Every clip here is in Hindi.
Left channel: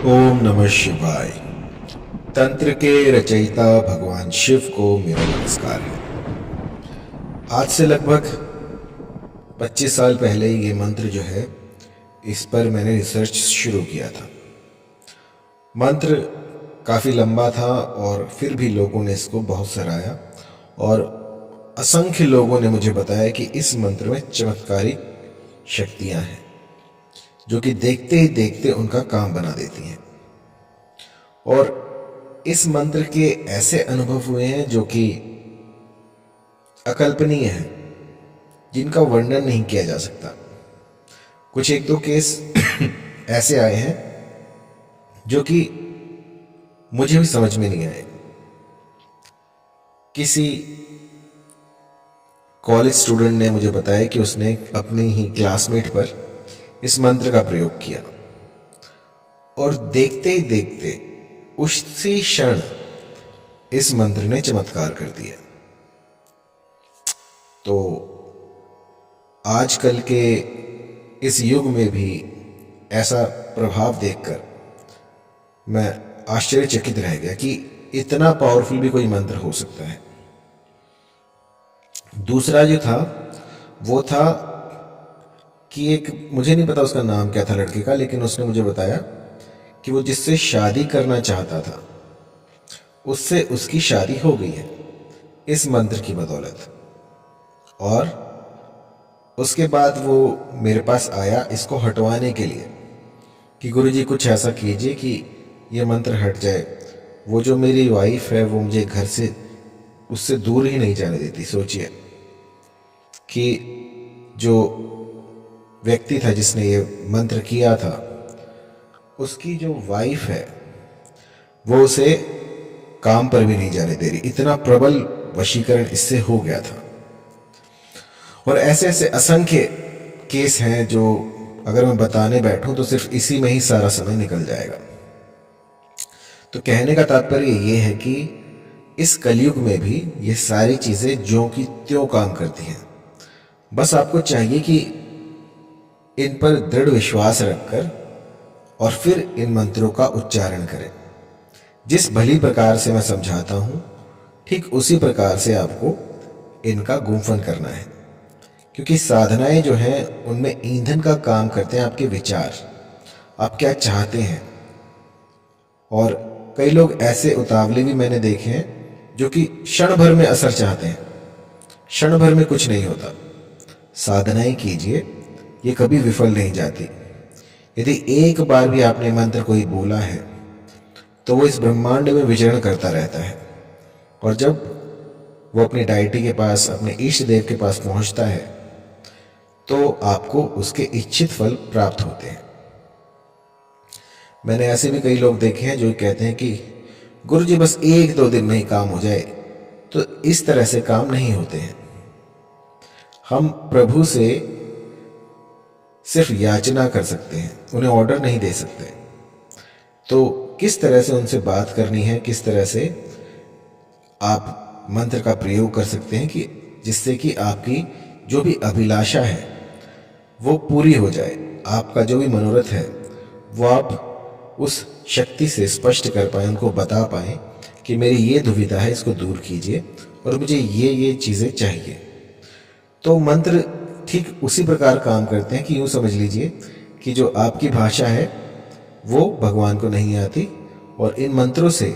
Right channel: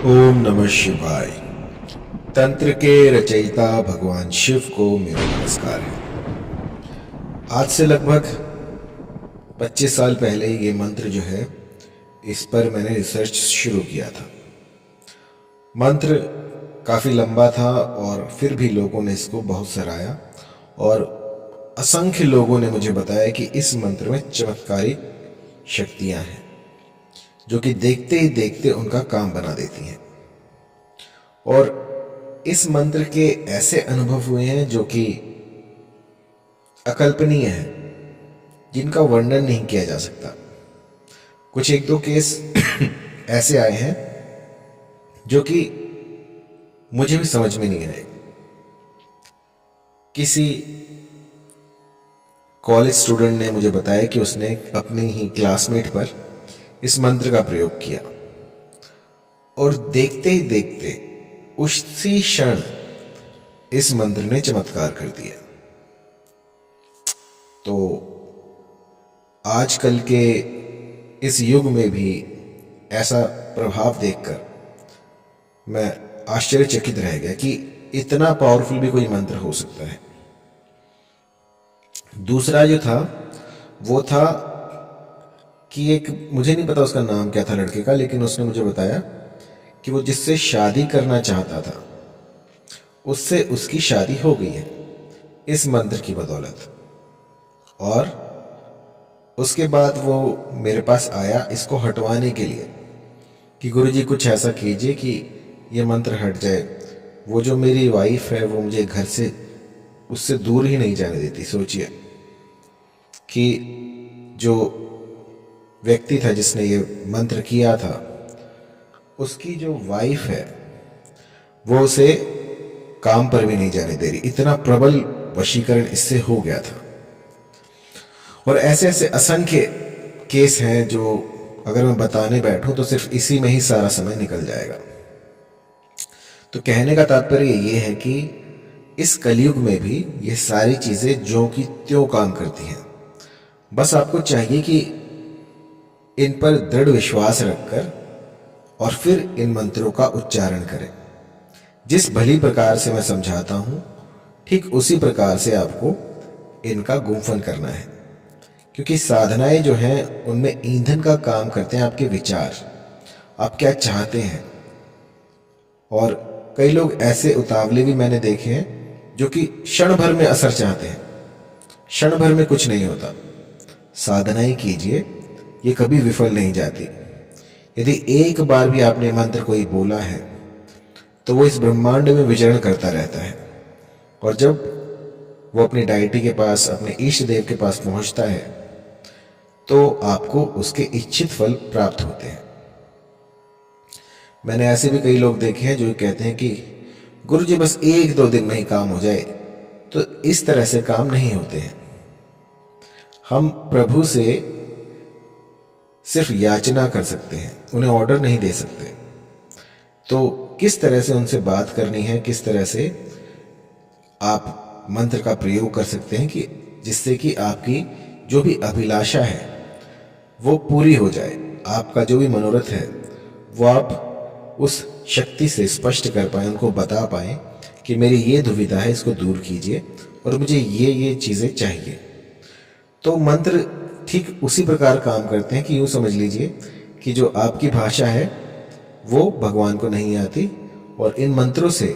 ओम नमः शिवाय। तंत्र के रचयिता भगवान शिव को मेरा नमस्कार है। आज से लगभग 25 साल पहले ये मंत्र जो है, इस पर मैंने रिसर्च शुरू किया था। मंत्र काफ़ी लंबा था और फिर भी लोगों ने इसको बहुत सराहा और असंख्य लोगों ने मुझे बताया कि इस मंत्र में चमत्कारिक शक्तियां हैं जो कि देखते ही देखते उनका काम बना देती हैं। और इस मंत्र के ऐसे अनुभव हुए हैं जो कि अकल्पनीय है, जिनका वर्णन नहीं किया जा सकता। कुछ एक दो केस ऐसे आए हैं जो कि मुझे भी समझ में नहीं आए। किसी कॉलेज स्टूडेंट ने मुझे बताया कि उसने अपने ही क्लासमेट पर इस मंत्र का प्रयोग किया और देखते ही देखते उसी क्षण इस मंत्र ने चमत्कार कर दिया। तो आजकल के इस युग में भी ऐसा प्रभाव देखकर मैं आश्चर्यचकित रह गया कि इतना पावरफुल भी कोई मंत्र हो सकता है। दूसरा जो था वो था कि एक, मुझे नहीं पता उसका नाम क्या था लड़के का, लेकिन उसने मुझे बताया कि वो जिससे शादी करना चाहता था उससे उसकी शादी हो गई है इस मंत्र की बदौलत। और उसके बाद वो मेरे पास आया इसको हटवाने के लिए कि गुरुजी कुछ ऐसा कीजिए कि ये मंत्र हट जाए। वो जो मेरी वाइफ है वो मुझे घर से उससे दूर ही नहीं जाने देती। सोचिए कि जो व्यक्ति था जिसने ये मंत्र किया था, उसकी जो वाइफ है वो उसे काम पर भी नहीं जाने दे रही। इतना प्रबल वशीकरण इससे हो गया था। और ऐसे ऐसे असंख्य केस हैं जो अगर मैं बताने बैठूं तो सिर्फ इसी में ही सारा समय निकल जाएगा। तो कहने का तात्पर्य ये है कि इस कलयुग में भी ये सारी चीजें ज्यों की त्यों काम करती हैं। बस आपको चाहिए कि इन पर दृढ़ विश्वास रखकर और फिर इन मंत्रों का उच्चारण करें। जिस भली प्रकार से मैं समझाता हूं, ठीक उसी प्रकार से आपको इनका गुंफन करना है। क्योंकि साधनाएं जो हैं उनमें ईंधन का काम करते हैं आपके विचार, आप क्या चाहते हैं। और कई लोग ऐसे उतावले भी मैंने देखे हैं जो कि क्षण भर में असर चाहते हैं, क्षण भर में कुछ नहीं होता। साधनाएं कीजिए, ये कभी विफल नहीं जाती। यदि एक बार भी आपने मंत्र कोई बोला है तो वो इस ब्रह्मांड में विचरण करता रहता है। और जब वो अपनी डायटी के पास, अपने इष्ट देव के पास पहुंचता है तो आपको उसके इच्छित फल प्राप्त होते हैं। मैंने ऐसे भी कई लोग देखे हैं जो कहते हैं कि गुरुजी बस एक दो दिन में ही काम हो जाए। तो इस तरह से काम नहीं होते हैं। हम प्रभु से सिर्फ याचना कर सकते हैं, उन्हें ऑर्डर नहीं दे सकते। तो किस तरह से उनसे बात करनी है, किस तरह से आप मंत्र का प्रयोग कर सकते हैं कि जिससे कि आपकी जो भी अभिलाषा है वो पूरी हो जाए। आपका जो भी मनोरथ है वो आप उस शक्ति से स्पष्ट कर पाए, उनको बता पाए कि मेरी ये दुविधा है, इसको दूर कीजिए और मुझे ये चीज़ें चाहिए। तो मंत्र ठीक उसी प्रकार काम करते हैं कि यूँ समझ लीजिए कि जो आपकी भाषा है वो भगवान को नहीं आती और इन मंत्रों से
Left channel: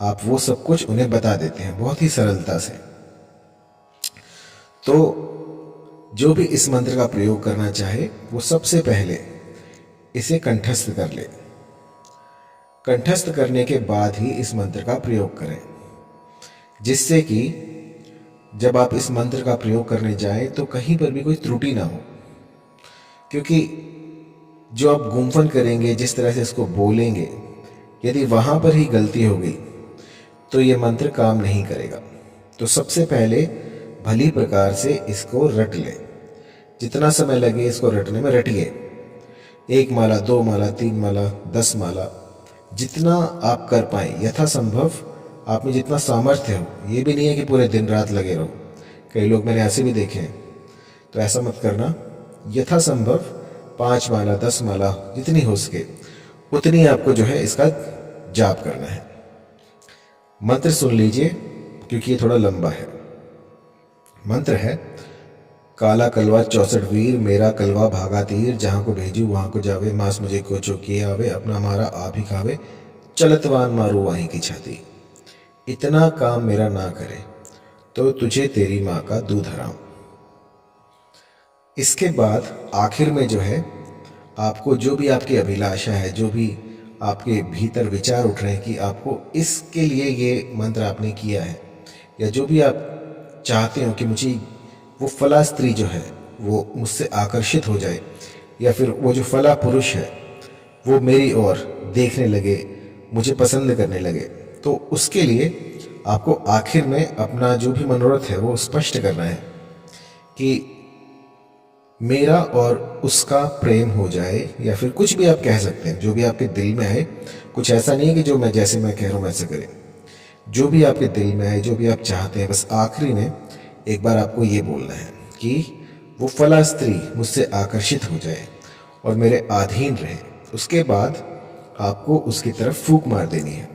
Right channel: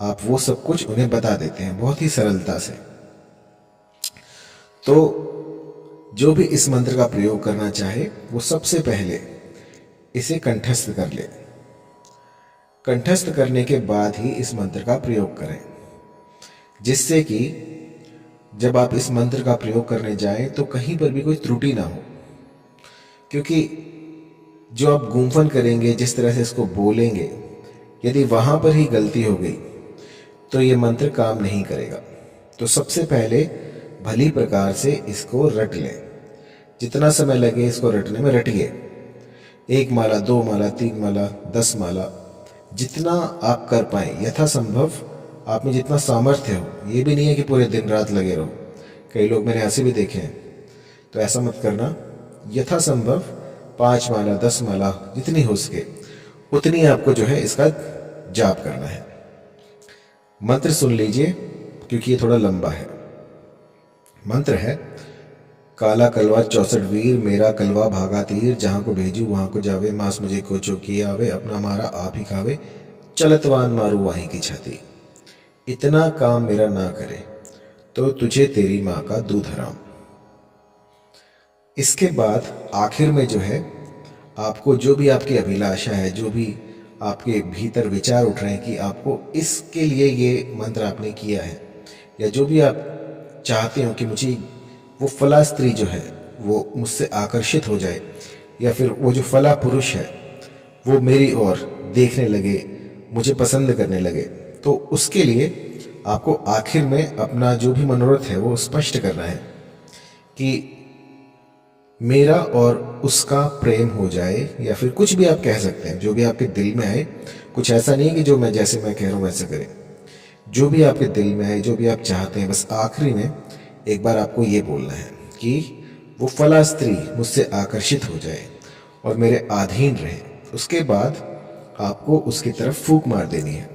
आप वो सब कुछ उन्हें बता देते हैं बहुत ही सरलता से। तो जो भी इस मंत्र का प्रयोग करना चाहे वो सबसे पहले इसे कंठस्थ कर ले। कंठस्थ करने के बाद ही इस मंत्र का प्रयोग करें, जिससे कि जब आप इस मंत्र का प्रयोग करने जाएं तो कहीं पर भी कोई त्रुटि ना हो। क्योंकि जो आप गुंफन करेंगे, जिस तरह से इसको बोलेंगे, यदि वहां पर ही गलती हो गई तो ये मंत्र काम नहीं करेगा। तो सबसे पहले भली प्रकार से इसको रट लें। जितना समय लगे इसको रटने में रटिए। 1 माला, 2 माला, 3 माला, 10 माला, जितना आप कर पाएं यथासंभव। आप में जितना सामर्थ्य हो, ये भी नहीं है कि पूरे दिन रात लगे रहो। कई लोग मैंने ऐसे भी देखे हैं, तो ऐसा मत करना। यथासंभव 5 माला, 10 माला, जितनी हो सके उतनी आपको जो है इसका जाप करना है। मंत्र सुन लीजिए क्योंकि ये थोड़ा लंबा है। मंत्र है, काला कलवा 64 वीर, मेरा कलवा भागा तीर, जहाँ को भेजू वहाँ को जावे, मांस मुझे को चौकी आवे, अपना मारा आप ही खावे, चलतवान मारू वहीं की छाती। इतना काम मेरा ना करे तो तुझे तेरी माँ का दूध हराम। इसके बाद आखिर में जो है आपको जो भी आपकी अभिलाषा है, जो भी आपके भीतर विचार उठ रहे हैं कि आपको इसके लिए ये मंत्र आपने किया है, या जो भी आप चाहते हो कि मुझे वो फला स्त्री जो है वो मुझसे आकर्षित हो जाए, या फिर वो जो फला पुरुष है वो मेरी ओर देखने लगे, मुझे पसंद करने लगे, तो उसके लिए आपको आखिर में अपना जो भी मनोरथ है वो स्पष्ट करना है कि मेरा और उसका प्रेम हो जाए, या फिर कुछ भी आप कह सकते हैं जो भी आपके दिल में आए। कुछ ऐसा नहीं है कि जो मैं जैसे मैं कह रहा हूँ वैसे करें, जो भी आपके दिल में आए, जो भी आप चाहते हैं, बस आखिरी में एक बार आपको ये बोलना है कि वो फला स्त्री मुझसे आकर्षित हो जाए और मेरे अधीन रहे। उसके बाद आपको उसकी तरफ फूंक मार देनी है।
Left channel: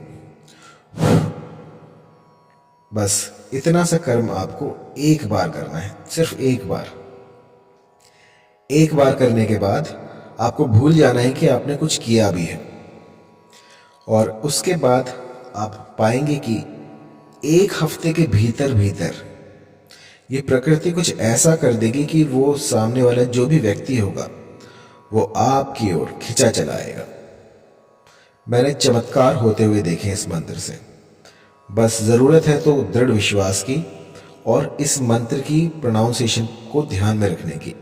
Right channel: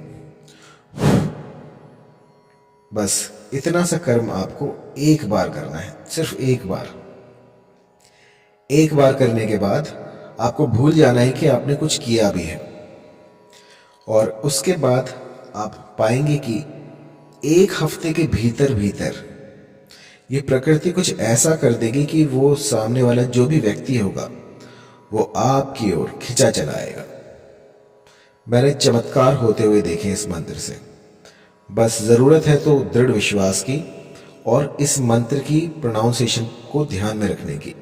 बस इतना सा कर्म आपको एक बार करना है, सिर्फ एक बार। एक बार करने के बाद आपको भूल जाना है कि आपने कुछ किया भी है, और उसके बाद आप पाएंगे कि एक हफ्ते के भीतर भीतर ये प्रकृति कुछ ऐसा कर देगी कि वो सामने वाला जो भी व्यक्ति होगा वो आपकी ओर खिंचा चला आएगा। मैंने चमत्कार होते हुए देखे इस मंत्र से। बस ज़रूरत है तो दृढ़ विश्वास की और इस मंत्र की प्रोनाउंसिएशन को ध्यान में रखने की।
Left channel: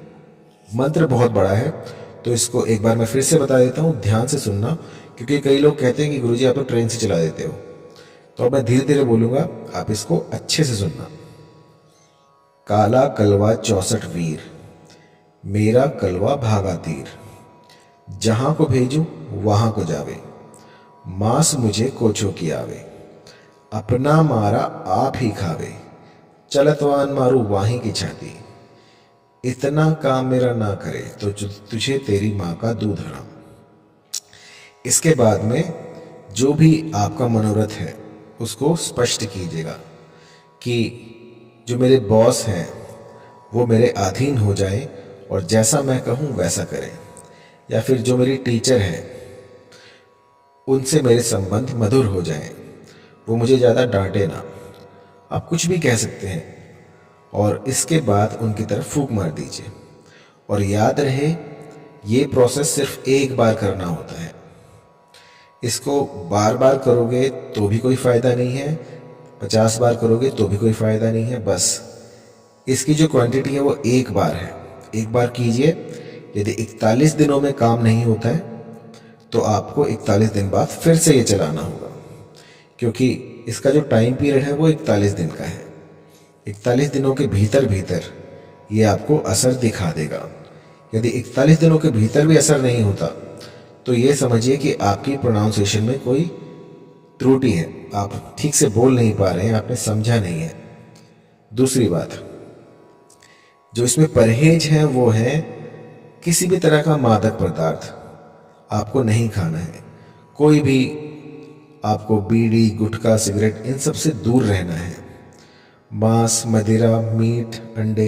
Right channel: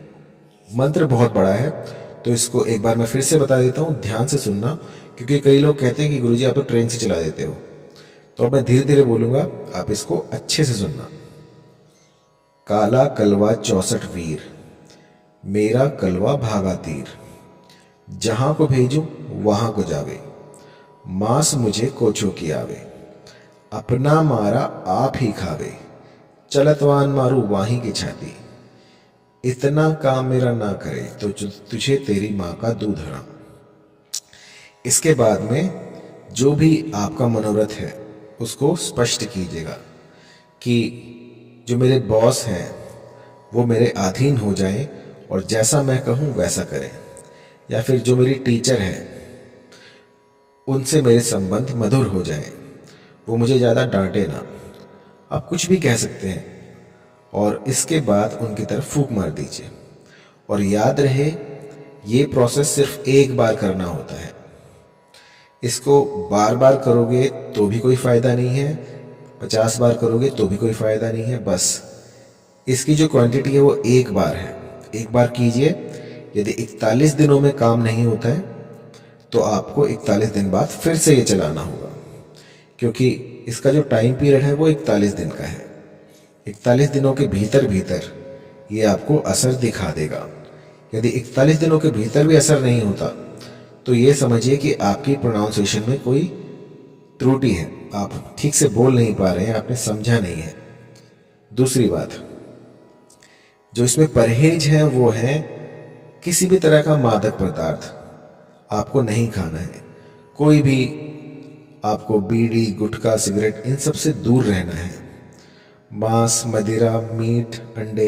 मंत्र बहुत बड़ा है तो इसको एक बार मैं फिर से बता देता हूँ, ध्यान से सुनना, क्योंकि कई लोग कहते हैं कि गुरुजी आप तो ट्रेन से चला देते हो। तो अब मैं धीरे धीरे बोलूँगा, आप इसको अच्छे से सुनना। काला कलवा 64 वीर, मेरा कलवा भागा तीर, जहाँ को भेजूं वहाँ को जावे, मांस मुझे कोचो की आवे, अपना मारा आप ही खावे, चलतवान मारू वाही की छाती। इतना काम मेरा ना करे तो तुझे तेरी माँ का दूध हराम। इसके बाद में जो भी आपका मनोरथ है उसको स्पष्ट कीजिएगा कि जो मेरे बॉस हैं वो मेरे अधीन हो जाएं और जैसा मैं कहूँ वैसा करें, या फिर जो मेरी टीचर हैं उनसे मेरे संबंध मधुर हो जाएं, वो मुझे ज़्यादा डांटे ना। आप कुछ भी कह सकते हैं और इसके बाद उनकी तरफ फूंक मार दीजिए। और याद रहे ये प्रोसेस सिर्फ एक बार करना होता है, इसको बार बार करोगे तो भी कोई फ़ायदा नहीं है, 50 बार करोगे तो भी कोई फ़ायदा नहीं है। बस इसकी जो क्वांटिटी है वो एक बार है, एक बार कीजिए। यदि 41 दिनों में काम नहीं होता है तो आपको 41 दिन बाद फिर से ये चलाना होगा, क्योंकि इसका जो टाइम पीरियड है वो 41 दिन का है। 41 दिनों के भीतर भीतर ये आपको असर दिखा देगा। यदि 41 दिनों के भीतर भी असर नहीं होता तो ये समझिए कि आपकी प्रोनाउंसिएशन में कोई त्रुटि है, आप ठीक से बोल नहीं पा रहे हैं, आपने समझा नहीं है। दूसरी बात जो इसमें परहेज है वो है किसी भी तरह का मादक पदार्थ आपको नहीं खाना है। कोई भी आपको बीड़ी, गुटखा, सिगरेट, इन सब से दूर रहना है। मांस, मदिरा, मीट, अंडे,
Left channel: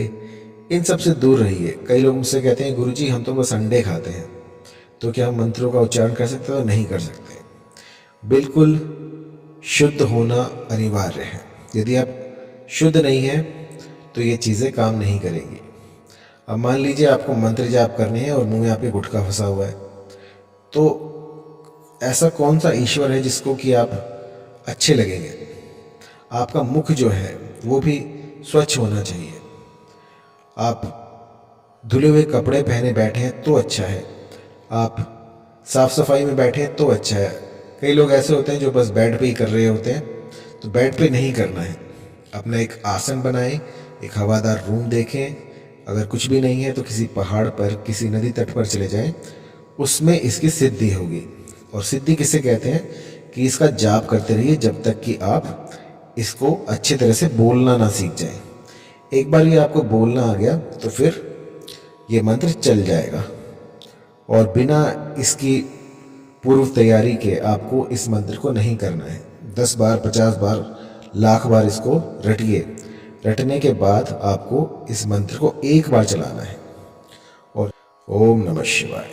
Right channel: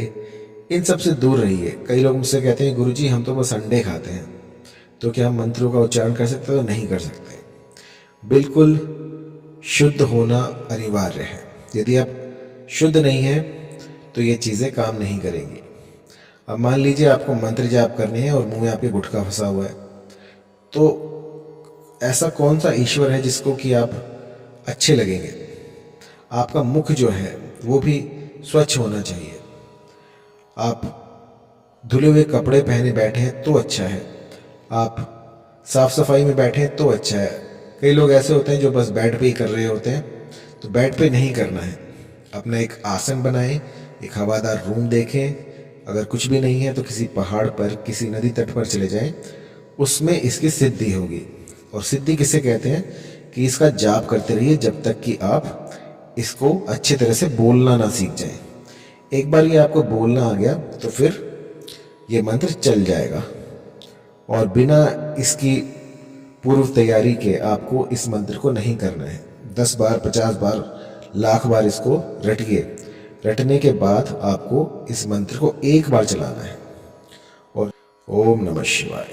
इन सब से दूर रहिए। कई लोग मुझसे कहते हैं गुरुजी हम तो बस अंडे खाते हैं, तो क्या हम मंत्रों का उच्चारण कर सकते हैं? तो नहीं कर सकते। बिल्कुल शुद्ध होना अनिवार्य है। यदि आप शुद्ध नहीं हैं तो ये चीज़ें काम नहीं करेंगी। अब मान लीजिए आपको मंत्र जाप करने हैं और मुंह में आपके गुटखा फंसा हुआ है, तो ऐसा कौन सा ईश्वर है जिसको कि आप अच्छे लगेंगे? आपका मुख जो है वो भी स्वच्छ होना चाहिए। आप धुले हुए कपड़े पहने बैठे हैं तो अच्छा है, आप साफ सफाई में बैठे हैं तो अच्छा है। कई लोग ऐसे होते हैं जो बस बेड पे ही कर रहे होते हैं, तो बेड पे नहीं करना है। अपना एक आसन बनाएं, एक हवादार रूम देखें, अगर कुछ भी नहीं है तो किसी पहाड़ पर, किसी नदी तट पर चले जाएं, उसमें इसकी सिद्धि होगी। और सिद्धि किसे कहते हैं कि इसका जाप करते रहिए जब तक कि आप इसको अच्छी तरह से बोलना ना सीख जाएं। एक बार ये आपको बोलना आ गया तो फिर ये मंत्र चल जाएगा, और बिना इसकी पूर्व तैयारी के आपको इस मंत्र को नहीं करना है। 10 बार, 50 बार, लाख बार इसको रटिए। रटने के बाद आपको इस मंत्र को एक बार चलाना है और ओम नमः शिवाय।